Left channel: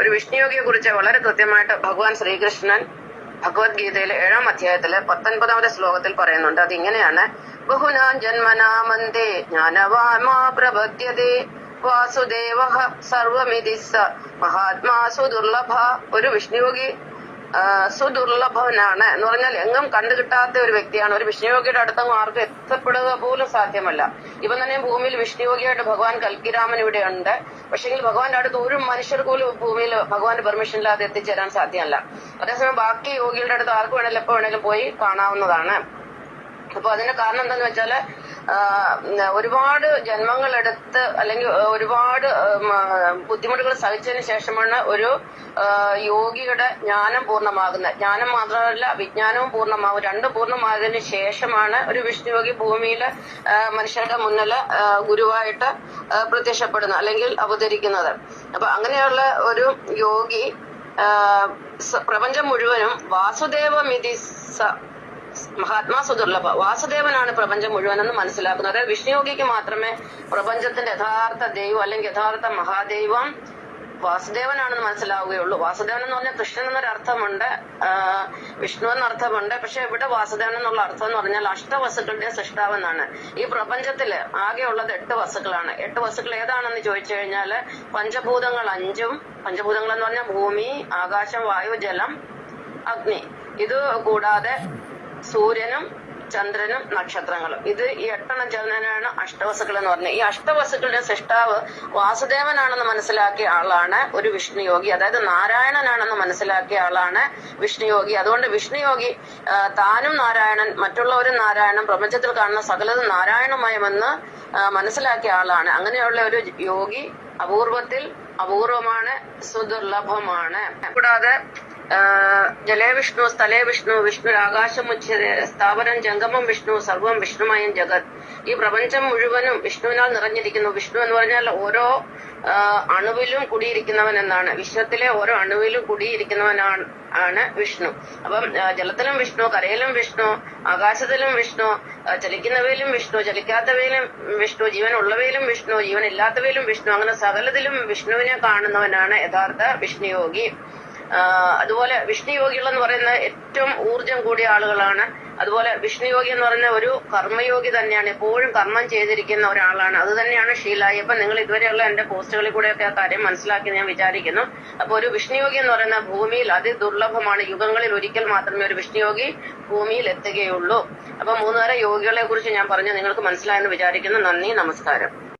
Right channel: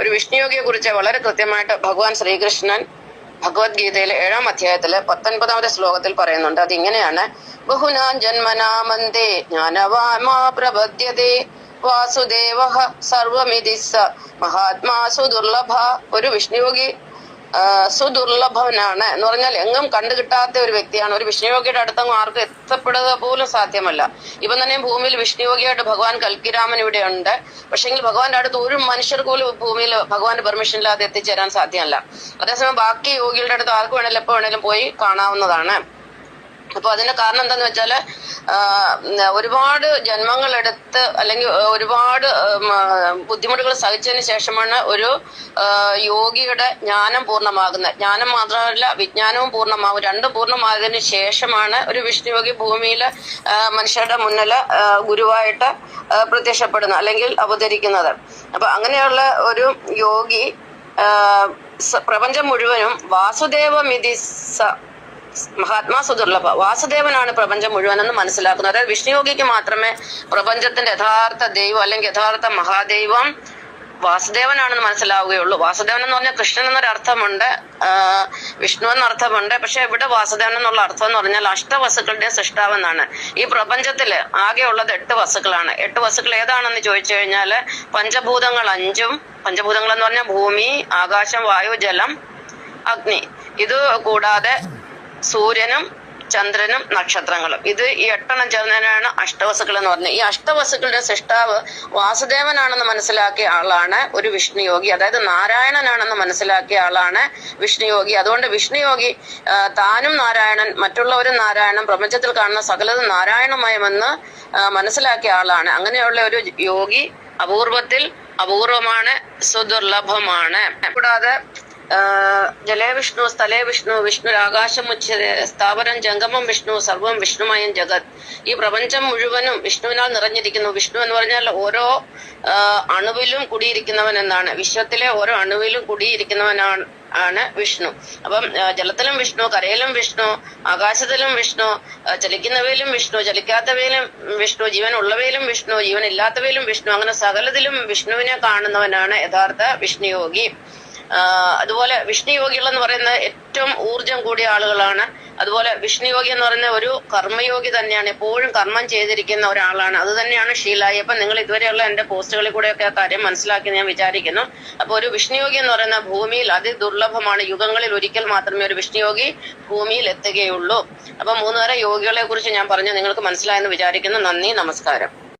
ഒരു വിഷ്ണുയോഗിയെ കുറിച്ച് വളരെ കൃത്യമായിട്ട് ഭഗവാൻ ശ്രീകൃഷ്ണൻ ഭഗവത്ഗീതയിലെ 7-ാം അധ്യായത്തില് 19-ാമത്തെ ശ്ലോകത്തിൽ പറയുന്നുണ്ട്. അതിങ്ങനെയാണ്: ബഹുനാം ജന്മനാമന്തേ ജ്ഞാനവാമാ പ്രപദ്യതേ വാസുദേവഃ സർവമിതി സ മഹാത്മാ സുദുർലഭ. ഒരു വിഷ്ണുയോഗി സുദുർലഭനാണ് എന്ന് പറഞ്ഞാൽ എങ്ങും കണ്ടുകിട്ടാത്ത ഒരു വ്യക്തിയാണ്. ഒരു വിഷ്ണുയോഗിയുടെ അടുത്തങ്ങ് ആർക്കും എത്തപ്പെടുക പോലും സാധ്യമല്ല. ഇപ്പം തന്നെ ഭൂമിയിൽ വിഷ്ണുയോഗിയായിട്ട് ഭഗവാൻ കൽക്കിരാമൻ ഇവിടെ ഉണ്ട്. പക്ഷെങ്കിൽ ഭഗവാന്റെ അടുത്ത് ഒരു മനുഷ്യർക്ക് പോലും ഭൂമിയിൽ ഭഗവാന്റെ പെർമിഷൻ ഇല്ലാതെ എത്തിച്ചേരാൻ സാധ്യമല്ല. അതേസമയം ബാക്കി യോഗികളുടെ അടുത്ത് ആർക്ക് വേണേലും എപ്പോ വേണേലും പോയി കാണാവുന്നതാണ്. അപ്പൊ അതിന്റെ കാരണം എന്താന്ന് വെച്ചാല് ഒരുപാട് ജന്മങ്ങളെടുത്ത് അല്ലെങ്കിൽ ഒരുപാട് ബുദ്ധിമുട്ടുകൾ സഹിച്ചതിന് ശേഷമാണ് ഒരു യോഗിയുടെ ജ്ഞാനം പൂർണ്ണമാകുന്നത്. ജ്ഞാനം മാത്രമല്ല, വിജ്ഞാനവും പൂർണ്ണമാകും. രണ്ടും പൂർണ്ണമായതിനു ശേഷമാണ് ഒരു വിഷ്ണുയോഗി ഭൂമിയിൽ മനുഷ്യരുടെ മുന്നിൽ ഗുരുവായിട്ട് പ്രത്യക്ഷപ്പെടുന്നത് അല്ലെങ്കിൽ അവതരിക്കുന്നത്. അപ്പൊ അങ്ങനെയുള്ള ഒരു യോഗി പ്രപഞ്ചം മുഴുവനും വാസുദേവമിതിസ മഹാത്മാ സുദുർലഭ, വാസുദേവനാണ് പ്രപഞ്ചം മുഴുവനെന്ന് മനസ്സിലാക്കുന്നത്. അതായത് വിഷ്ണുയോഗിക്ക് മാത്രമേ പ്രപഞ്ചത്തിന്റെ യഥാർത്ഥ ദൈവം അല്ലെങ്കിൽ യഥാർത്ഥ മഹാദൈവം വാസുദേവനാണെന്ന് മനസ്സിലാവുകയുള്ളൂ. വാസുദേവൻ എന്ന് പറഞ്ഞാൽ കൃഷ്ണൻ എന്നൊരു അർത്ഥമുണ്ട്, വിഷ്ണു എന്നർത്ഥമുണ്ട്. പക്ഷെ ഇവിടെ വാസുദേവൻ എന്നുള്ള അർത്ഥം എന്ന് പറഞ്ഞാൽ അഷ്ടവസ്തുക്കളുടെ സൃഷ്ടാവെന്നാണ്. ഈ പ്രപഞ്ചത്തില് ആകെ ഉള്ളത് 8 വസ്തുക്കളാണ്. 8 വസ്തുക്കൾ ഏതാണെന്ന് ചോദിച്ചു കഴിഞ്ഞാല് പഞ്ചഭൂതങ്ങൾ 5ഉം, പഞ്ചഭൂതങ്ങൾ എന്ന് പറഞ്ഞാൽ ഭൂമി, ആകാശം, വായു, ജലം, അഗ്നി. ഇത് കൂടാതെ സൂര്യനും ചന്ദ്രനും നക്ഷത്രങ്ങളും. ഇത് ഈ 8 ചേർന്നതിനാണ് അഷ്ടവസ്തുക്കൾ എന്ന് പറഞ്ഞത്. ഈ അഷ്ടവസ്തുക്കളുടെ സൃഷ്ടാവ് വാസുദേവനാണെന്ന് മനസ്സിലാക്കിയ ആളാണ് ഒരു വിഷ്ണുയോഗി. അതായത് നാരായണനാണെന്ന് മനസ്സിലാക്കിയ ആളാണ് വിഷ്ണുയോഗി. അതുകൊണ്ട് വിഷ്ണുയോഗി താനും നാരായണൻ, മറ്റുള്ളവരും നാരായണൻ, പ്രപഞ്ചത്തിൽ കാണുന്ന സകലതും നാരായണമയമെന്ന് മനസ്സിലാക്കിയ ആളാണ്. അങ്ങനെയുള്ള ഒരു യോഗി അപൂർവത്തിൽ അപൂർവമാണ്, സുദുർലഭമാണ്. കൂടാതെ ജലേ വിഷ്ണു, സ്ഥലേ വിഷ്ണു, വിഷ്ണുരാകാശം ഉച്യതേ, സ്ഥാവരം ജംഗമം വിഷ്ണു, സർവം വിഷ്ണുമയം ജഗത്. ഈ പ്രപഞ്ചം മുഴുവനും വിഷ്ണുവിനാൽ നിറഞ്ഞിരിക്കുന്നു. വിഷ്ണു എന്ന് പറഞ്ഞാൽ ഓരോ അണുവിലും കുടിയിരിക്കുന്നവൻ എന്നാണ്. വിശ്വത്തിലെ ഓരോ അണുവിലും കുടിയിരിക്കുന്നവനാണ് വിഷ്ണു. അപ്പം ജലത്തിലും വിഷ്ണു, കരയിലും വിഷ്ണു, ആകാശത്തിലും വിഷ്ണു, ചലിക്കുന്നവയിലും വിഷ്ണു, ചലിക്കാത്തവയിലും വിഷ്ണു, ജീവൻ ഉള്ളവയിലും വിഷ്ണു, ജീവൻ ഇല്ലാത്തവയിലും വിഷ്ണു. അങ്ങനെ സകലത്തിലും വിഷ്ണുവിനെ കാണുന്നവനാണ് യഥാർത്ഥ വിഷ്ണുയോഗി. അതുപോലെ വിഷ്ണുയോഗികൾ എന്ന് പറയുന്നത് ഏറ്റവും ഊർജം കൂടിയ ആളുകളാണ്. അതുപോലെ വിഷ്ണുയോഗി എന്ന് പറയുന്ന ഒരു കർമ്മയോഗി തന്നെയാണ്, എപ്പോഴും കർമ്മം ചെയ്തിരിക്കുന്ന ഒരാളാണ്. അത് തന്നെയാണ് ഷീലായി. അപ്പൊ നിങ്ങൾ ഇതുവരെയുള്ള എന്റെ പോസ്റ്റുകളിൽ കൂടെയൊക്കെ ആ കാര്യം മനസ്സിലാക്കി ഞാൻ വിചാരിക്കുന്നു. അപ്പൊ ഒരു വിഷ്ണുയോഗി എന്ന് പറയുന്ന ഭൂമിയിൽ അതിദുർലഭമാണ്. യുഗങ്ങളിൽ ഒരിക്കൽ മാത്രമേ ഒരു വിഷ്ണുയോഗി ഭൂമിയിൽ എത്തുകയുള്ളൂ. അപ്പൊ 3 തരം യോഗികളെ കുറിച്ച് ഞാൻ പറഞ്ഞു, നിങ്ങൾക്ക് മനസ്സിലായെന്ന് വിചാരിക്കുന്നു. നന്ദി, നമസ്കാരം.